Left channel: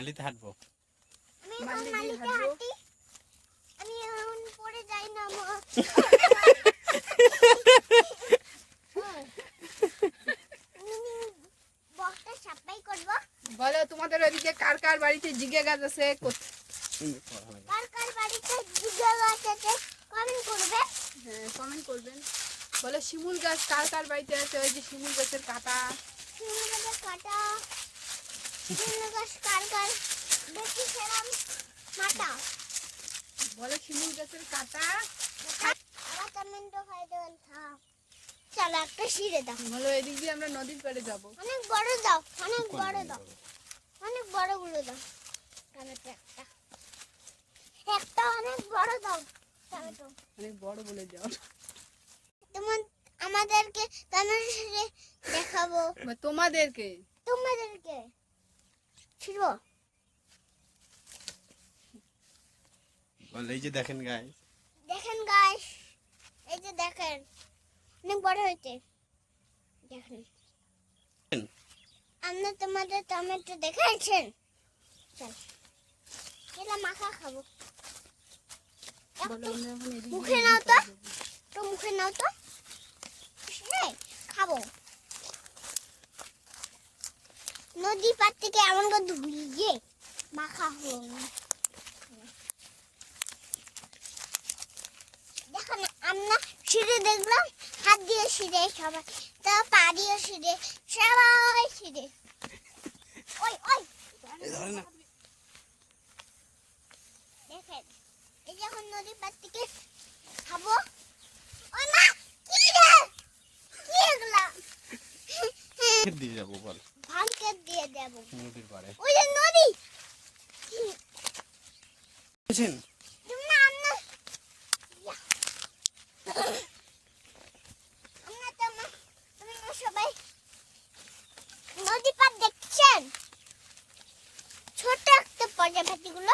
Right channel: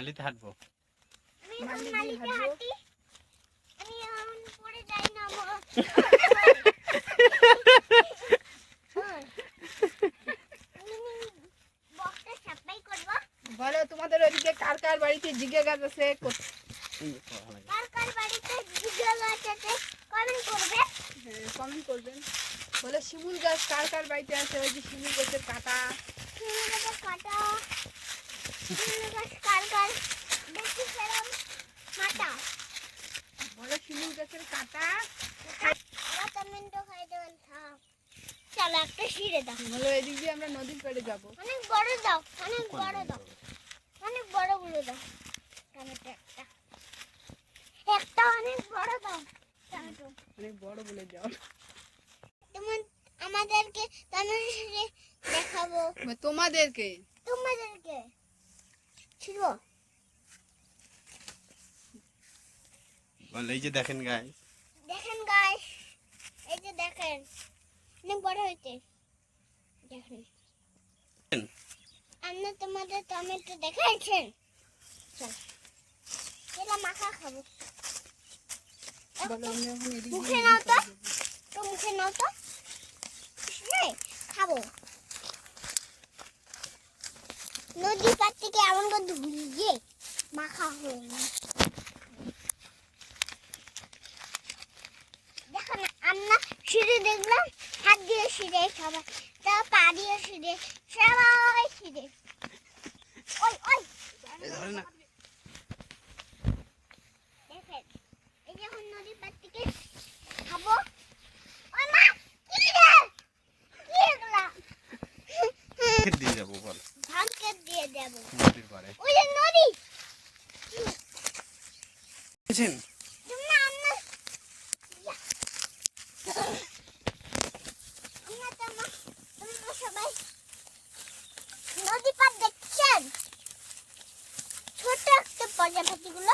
মালিতে হাঁটবো। আমি এখন পড়ে যাই না বকটা সাপাই করব। বলো তোমাদের ওইদিকে কার কার বাড়িতে জিগে গাছ আছে? কার কার বাড়িতে জিগে গাছ আছে কমেন্ট করবে। হ্যাঁ কমেন্ট করবেন। বলো শিমুল গাছ কার কার বাড়িতে আছে? ওই যে শিমুল গাছের কাটা। শিমুল গাছের কাটা। শিমুল গাছ কার কার দেখি সেরম কাটা। বলো শিমুল গাছের কাটা। আবার টমেটো খাই দেবেন থাক। চলো একটা ছিঁড়ে দাও। বলো এদিক দিয়ে আমরা নদীর পাড়ে যাবো। অনেক বড় দাও, অনেক বড় দাও, অনেক বড় গুলো দাও। টমেটো একটা একটা অনেক বড় দাও টমেটো। অনেক বড় বলে যাও। তোমার আমাদেরকে টমেটো দেখাবো। তোমাদেরকে তোমাদেরকে ছিল বল এই যে দেখেন গাইস, দেখেন গাইস, এই যে দেখেন অনেক বড় হয়েছে। দেখেন আমরা তোমাদের টমেটো দেখাইছেন। চল এটা মাখা খাবো। বলো আমরা এখন এদিক মুখে নাও তো, তো মুখে নাও তো, এই খাবো। নদী পার থেকে এমন করে ধুয়ে মাখা হলো। দেখো না আমরা সিঁড়ে দেখলাম, হাত দিয়ে সিঁড়ে সবাই, তা পা দিয়ে সিঁড়ে সবাই সিঁড়ে। ওই ওই ধরে না দেখেন এই যখন নদী পার থেকে খাবো। ওই মা কি রে, কি এগুলা? খেত দিয়ে যাবো। বল ধান খেত দিয়ে দেবো। নদীর পাড়ে ওই যে নদী। বুঝছেন? তোমরা আমরা তোমরা সবাই নদী পার দেখছেন? ছোট একটা প্রজাপতিগুলো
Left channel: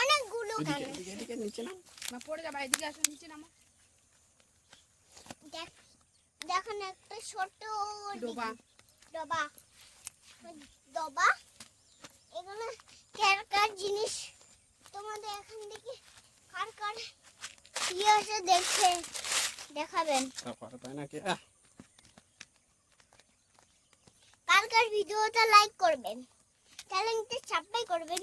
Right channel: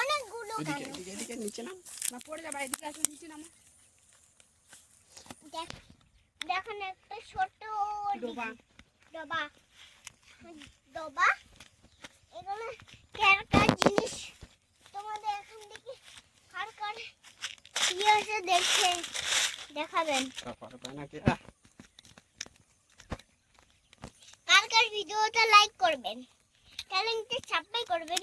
অনেকগুলো কেন? এদিকে নিচে নাম না পড়ে যাবে। এদিকে আসো, নিচে নামো। দেখুন একটা ছোট ডোবা। ডবা ডবা। এগুলো কার কার জিনিস তোমাদের এখান থেকে কার কার ইয়ে আছে দেখে দেখাবেন। তারপরে পায় নাকি কার কার ভিডিওটা লাইক করবেন, চ্যানেলটা সাবস্ক্রাইব করবেন।